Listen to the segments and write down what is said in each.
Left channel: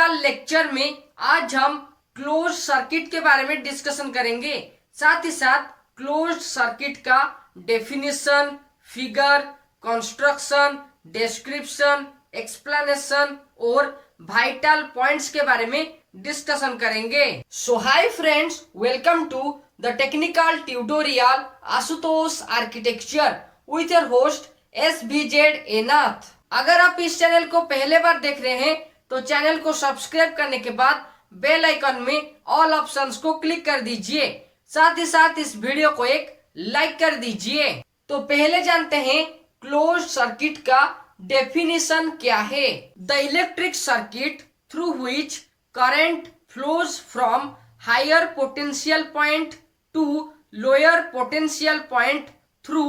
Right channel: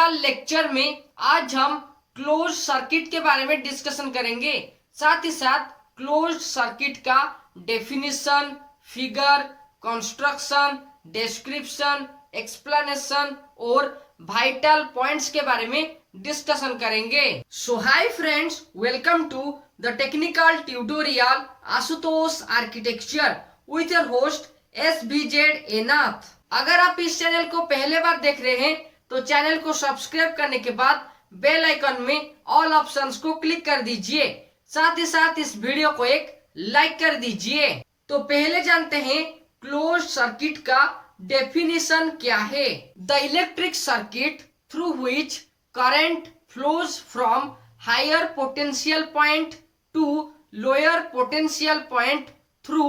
का लेक्चर में आज हम क्लोज सर्किट के बारे में डिस्कशन करेंगे। साथ ही साथ क्लोज सर्किट का definition, figure, construction, description, explanation और वाइटल पॉइंट्स के बारे में डिस्कशन करेंगे। So hi friends, welcome to the technical tutorial Ashutosh architecture with your host SBZ एनाथ। अगर आप इस चैनल को पहले बार देख रहे हैं तो चैनल को सब्सक्राइब करने के बाद बेल आइकन में ऑल ऑप्शंस को क्लिक कर दीजिए। साथ ही साथ इस वीडियो को एक लाइक कर दीजिए। तो पहले जानते हैं क्लोज सर्किट का डेफिनेशन क्या है। The electric circuit through which current flows from higher potential point to lower potential point through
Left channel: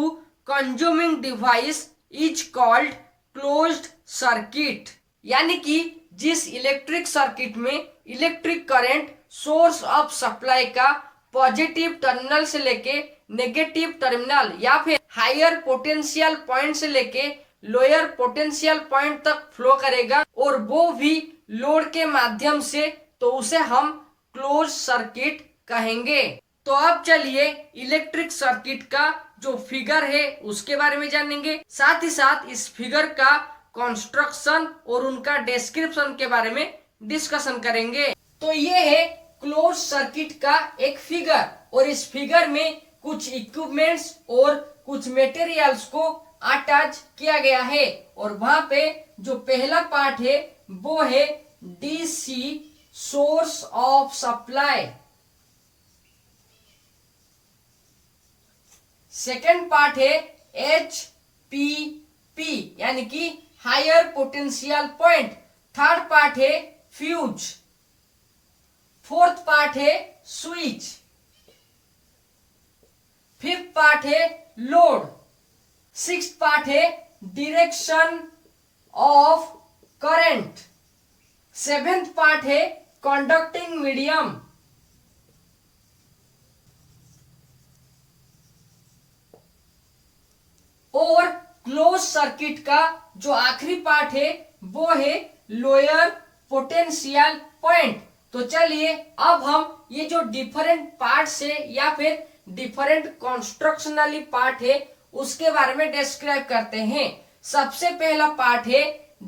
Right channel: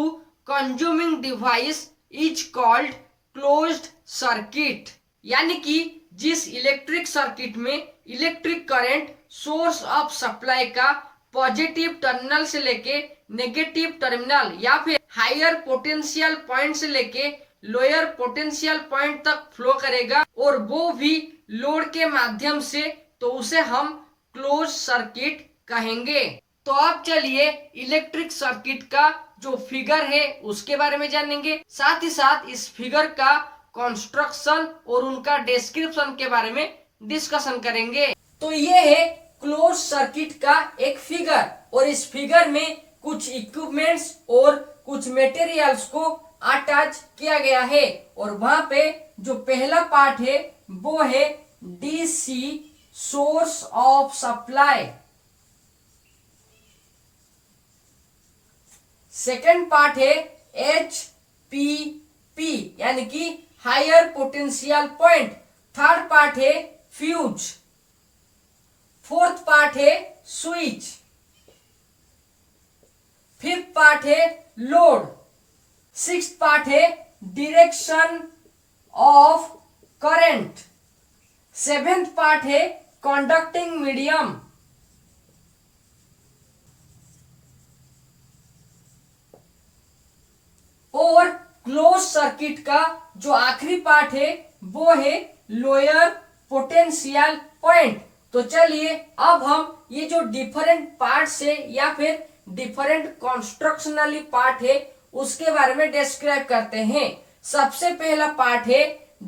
consuming device is called closed circuit. यानी कि जिस इलेक्ट्रिक सर्किट में electric current source of supply का positive terminal से लेके negative terminal या फिर higher potential point से लेके लोअर पोटेंशियल पॉइंट तक फ्लो करेगा और वो भी लोड के माध्यम से, तो उसे हम क्लोज सर्किट कहेंगे। तो अब चलिए इलेक्ट्रिक सर्किट का जो फिगर है उसके बारे में जानेंगे। साथ ही साथ इस फिगर का कंस्ट्रक्शन और उनका डिस्क्रिप्शन के बारे में डिस्कशन करेंगे। तो ये है क्लोज सर्किट का एक फिगर और इस फिगर में कुछ इक्विपमेंट्स और कुछ मटेरियल्स को अटैच किया गया है और वहां पे जो पहला पार्ट है वो है DC source of supply. Second part है HPP यानी कि higher potential point. Third part है फ्यूज। फोर्थ पार्ट है स्विच। फिफ्थ पार्ट है लोड। सिक्स्थ पार्ट है direction of current. Seventh part है कंडक्टिंग मीडियम। और क्लोज सर्किट का जो आखिरी पार्ट है वो है लोअर पोटेंशियल पॉइंट। तो चलिए अब हम ये जो डिफरेंट पार्ट्स है या फिर डिफरेंट कंस्ट्रक्शनली पार्ट है उसके बारे में डिस्क्राइब करते हैं। सबसे पहला पार्ट है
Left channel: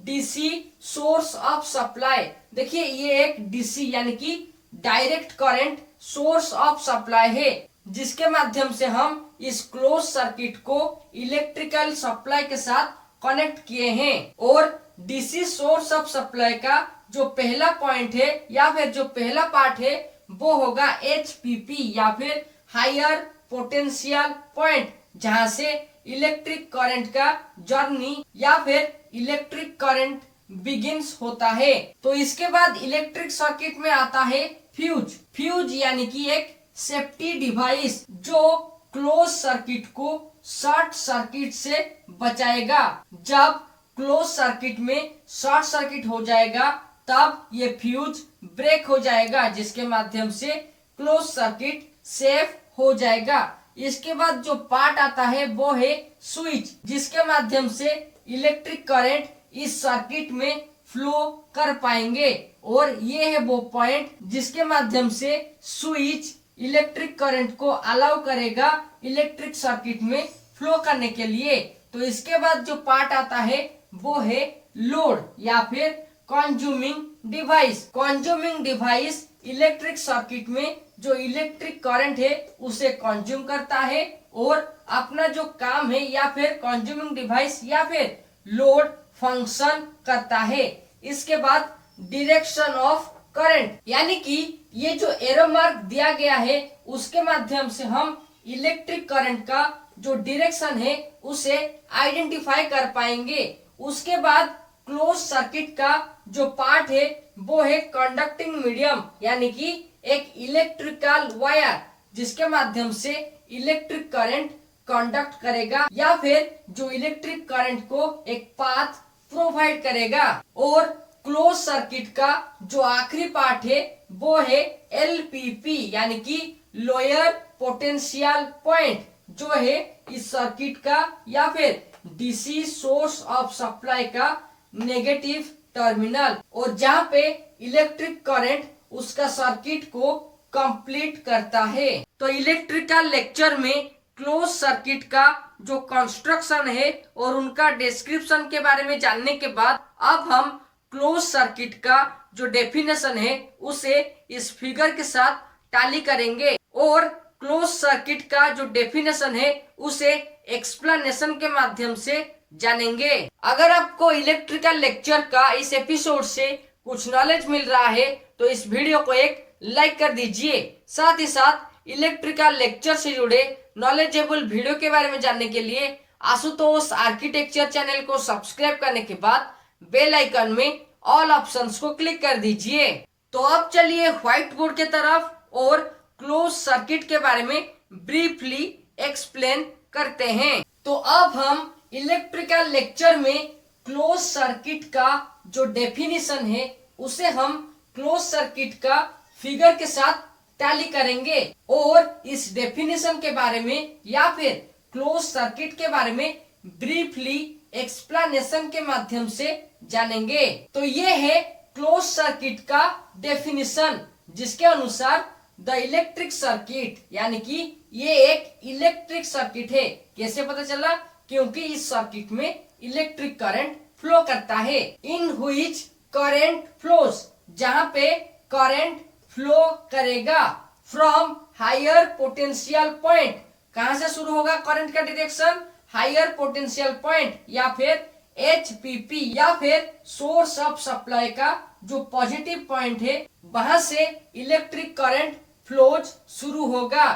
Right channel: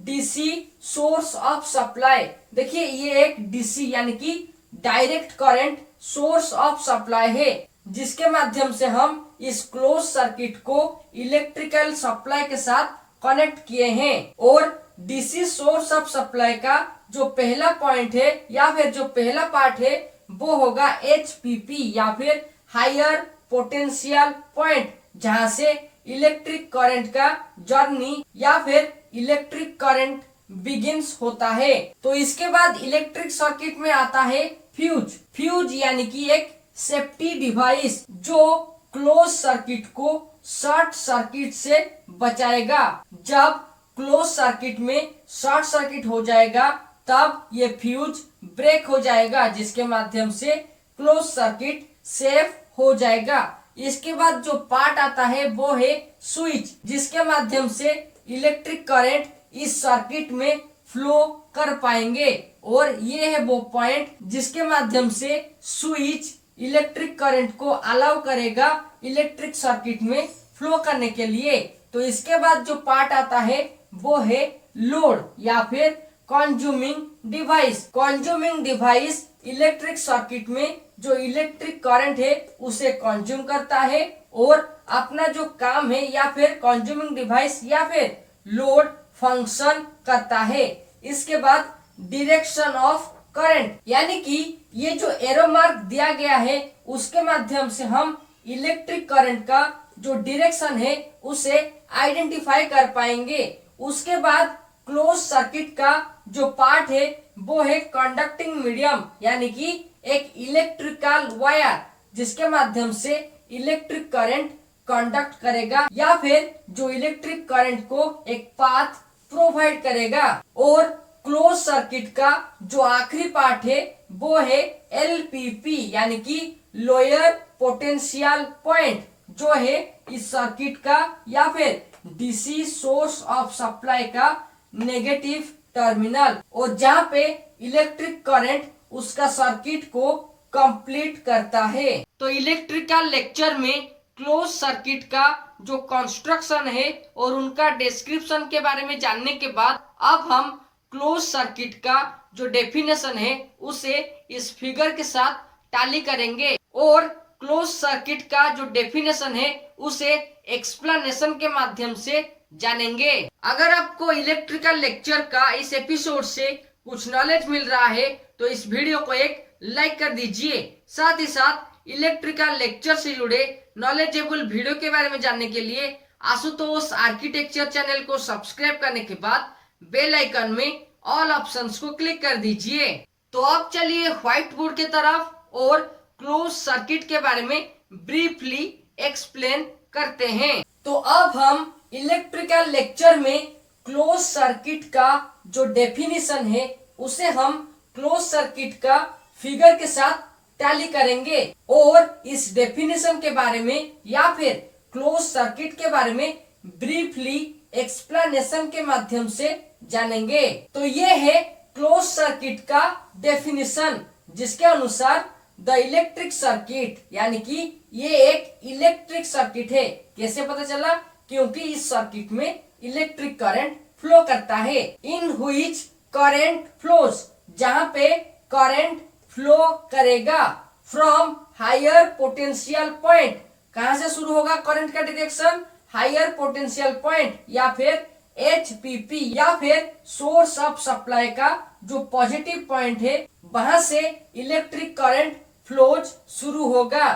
DC सोर्स ऑफ सप्लाई। देखिए ये एक DC यानी कि direct current source of supply है जिसके माध्यम से हम इस क्लोज सर्किट को इलेक्ट्रिकल सप्लाई के साथ कनेक्ट किए हैं। और DC सोर्स ऑफ सप्लाई का जो पहला पॉइंट है या फिर जो पहला पार्ट है वो होगा HPP या फिर हायर पोटेंशियल पॉइंट, जहां से इलेक्ट्रिक करंट का जर्नी या फिर इलेक्ट्रिक करंट बिगिंस होता है। तो इसके बाद इलेक्ट्रिक सर्किट में आता है फ्यूज। फ्यूज यानी कि एक सेफ्टी डिवाइस जो क्लोज सर्किट को शॉर्ट सर्किट से बचाएगा। जब क्लोज सर्किट में शॉर्ट सर्किट हो जाएगा तब ये फ्यूज ब्रेक हो जाएगा जिसके माध्यम से क्लोज सर्किट सेफ हो जाएगा। इसके बाद जो पार्ट आता है वो है स्विच, जिसके माध्यम से इलेक्ट्रिक करंट इस सर्किट में फ्लो कर पाएंगे और ये है वो पॉइंट जिसके माध्यम से स्विच इलेक्ट्रिक करंट को अलाउ करेगा इलेक्ट्रिक सर्किट में फ्लो करने के लिए। तो इसके बाद जो पार्ट आता है वो है लोड या फिर consuming device. Consuming device electric circuit में जो इलेक्ट्रिक करंट है उसे कंज्यूम करता है और अपना जो काम है या फिर कंज्यूमिंग डिवाइस या फिर लोड फंक्शन करता है। इसके बाद डायरेक्शन ऑफ करंट यानी कि ये जो एरो मार्क दिया गया है उसके माध्यम से हम इलेक्ट्रिक करंट का जो डायरेक्शन है उसे आइडेंटिफाई कर पाएंगे। उसके बाद क्लोज सर्किट का जो पार्ट है वो है कंडक्टिंग मीडियम यानी कि एक इलेक्ट्रिकल वायर जिसके माध्यम से इलेक्ट्रिक करंट कंडक्ट करेगा या फिर जो इलेक्ट्रिक करंट को एक पाथ प्रोवाइड करेगा। और क्लोज सर्किट का जो आखिरी पार्ट है वो है LPP यानी कि लोअर पोटेंशियल पॉइंट, जो है इस सर्किट का या फिर DC सोर्स ऑफ सप्लाई का नेगेटिव टर्मिनल, और जहाँ पे इलेक्ट्रिक करंट उसका सर्किट को कंप्लीट करता है। तो इलेक्ट्रिकल लेक्चर में क्लोज सर्किट का जो कंस्ट्रक्शन है और उनका डिस्क्रिप्शन के बारे में जानने के बाद अब हम क्लोज सर्किट का जो डेफिनेशन है उसे इस फिगर के साथ टैली करेंगे और क्लोज सर्किट का जो डेफिनेशन है उसे एक्सप्लेनेशन के माध्यम से जानेंगे। अगर आपको इलेक्ट्रिकल लेक्चर का इस एपिसोड से कुछ नॉलेज मिल रहा है तो इस वीडियो को एक लाइक कर दीजिए। साथ ही साथ इलेक्ट्रिकल लेक्चर से जुड़े नॉलेजेबल वीडियो के बारे में जानने के लिए आशुतोष आर्किटेक्चर चैनल को सब्सक्राइब करने के बाद बेल आइकन में ऑल ऑप्शंस को क्लिक कर दीजिए। तो अब चलिए व्हाइट बोर्ड के तरफ और क्लोज सर्किट के बारे में ब्रीफली एक्सप्लेन करते हैं। तो अब हम इलेक्ट्रिकल लेक्चर में क्लोज सर्किट का जो डेफिनेशन है उसे हम क्लोज सर्किट का फिगर के साथ टैली करेंगे और इस डेफिनेशन के बारे में या फिर क्लोज सर्किट के बारे में ब्रीफली एक्सप्लेनेशन के माध्यम से जानेंगे। तो ये है क्लोज सर्किट का डेफिनेशन, जिसके अनुसार द इलेक्ट्रिक सर्किट, यानी कि ये एक इलेक्ट्रिक सर्किट है। कैसे पता चला? क्योंकि इस सर्किट में इलेक्ट्रिक करंट फ्लो करता है। इन व्हिच करंट फ्लोज, जहाँ पे करंट फ्लो करेगा फ्रॉम हायर पोटेंशियल पॉइंट। कहाँ से शुरू होगा करंट का डायरेक्शन? हायर पोटेंशियल पॉइंट या फिर HPP या फिर सोर्स ऑफ सप्लाई का जो पॉजिटिव पॉइंट है वहां से इलेक्ट्रिक करंट फ्लोज शुरू होगा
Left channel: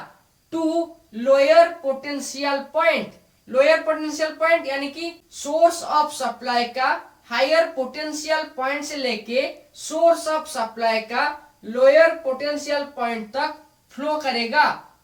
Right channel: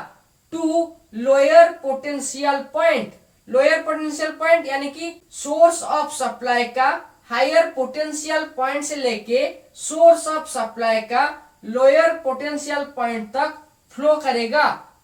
to lower potential point. Lower potential point यानी कि सोर्स ऑफ सप्लाई का हायर पोटेंशियल पॉइंट से लेके सोर्स ऑफ सप्लाई का लोअर पोटेंशियल पॉइंट तक फ्लो करेगा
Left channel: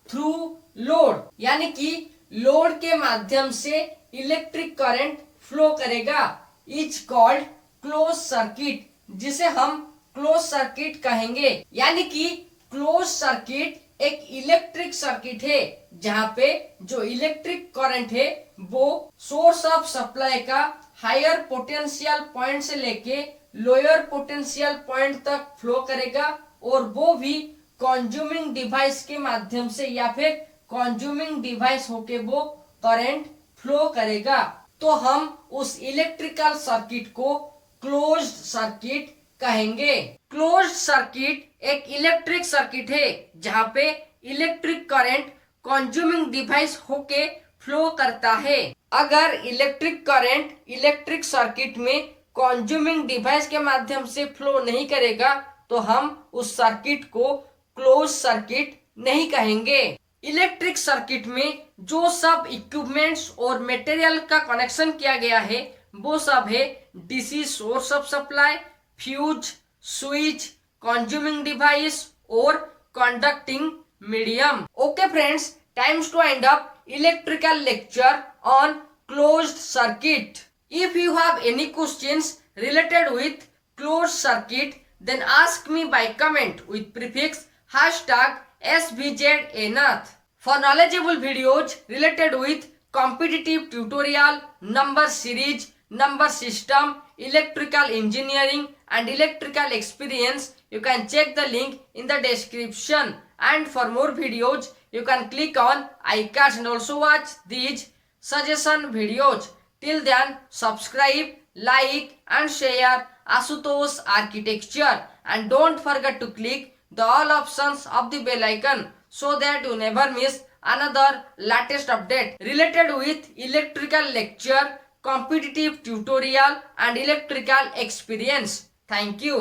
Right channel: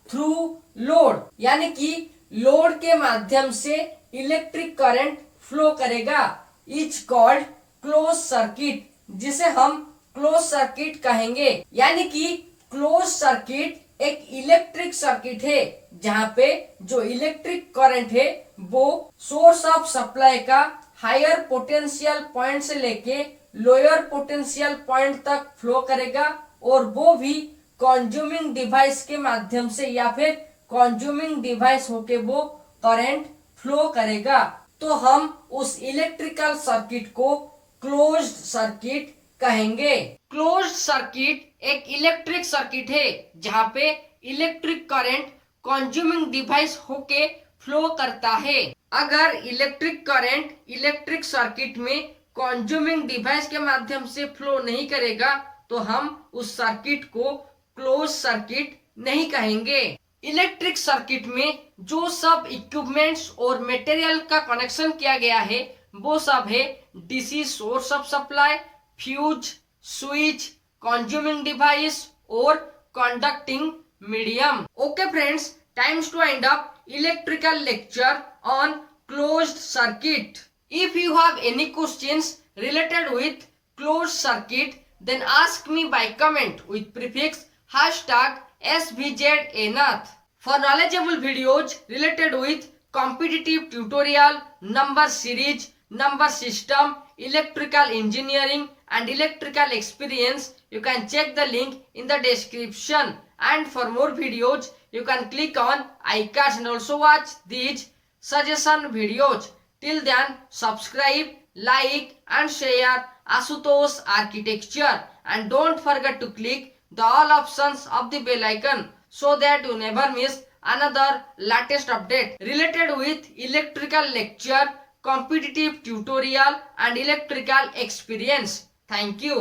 थ्रू लोड, यानी कि लोड के माध्यम से इलेक्ट्रिक करंट फ्लो करेगा। इज कॉल्ड क्लोज सर्किट, जिसे हम क्लोज सर्किट कहेंगे। यानी कि क्लोज सर्किट एक इलेक्ट्रिक सर्किट है जहाँ पे जो इलेक्ट्रिक करंट है वो सोर्स ऑफ सप्लाई का हायर पोटेंशियल पॉइंट से लेके लोअर पोटेंशियल पॉइंट तक फ्लो करेगा और वो भी कंज्यूमिंग डिवाइस के माध्यम से या फिर कंज्यूमिंग डिवाइस होके वो करंट फ्लो करेगा। तो हम उस इलेक्ट्रिकल सर्किट को क्लोज्ड सर्किट कहेंगे। क्लोज्ड सर्किट एक इलेक्ट्रिक सर्किट है जहाँ पे इलेक्ट्रिक करंट कंज्यूमिंग डिवाइस होके फ्लो करता है। अगर इलेक्ट्रिक करंट इलेक्ट्रिक सर्किट में कंज्यूमिंग डिवाइस के माध्यम से फ्लो नहीं करेगा तो हम उस सर्किट को क्लोज सर्किट नहीं कहेंगे। इलेक्ट्रिक सर्किट में जो सब इक्विपमेंट्स और मटेरियल का कनेक्शन किया गया है वो सब है DC source of supply, fuse, switch, consuming device और conducting medium. Okay friends, times to end up electrical lecture on closed circuit. If you have any questions related with closed circuit, then ask me by comment with prefix #SVZNath. For knowledgeable videos related with competitive tutorial, number series, number system, electrical engineering and electrical experience, you can check the link in the description. And for more videos, you can click on iCards and also watch these suggestion videos. Till then, subscribe, like and share Ashutosh Architecture, and don't forget to click the all options of the bell icon so that you never miss another latest update related with electrical lecture, competitive tutorial and electrical experience. Thank you.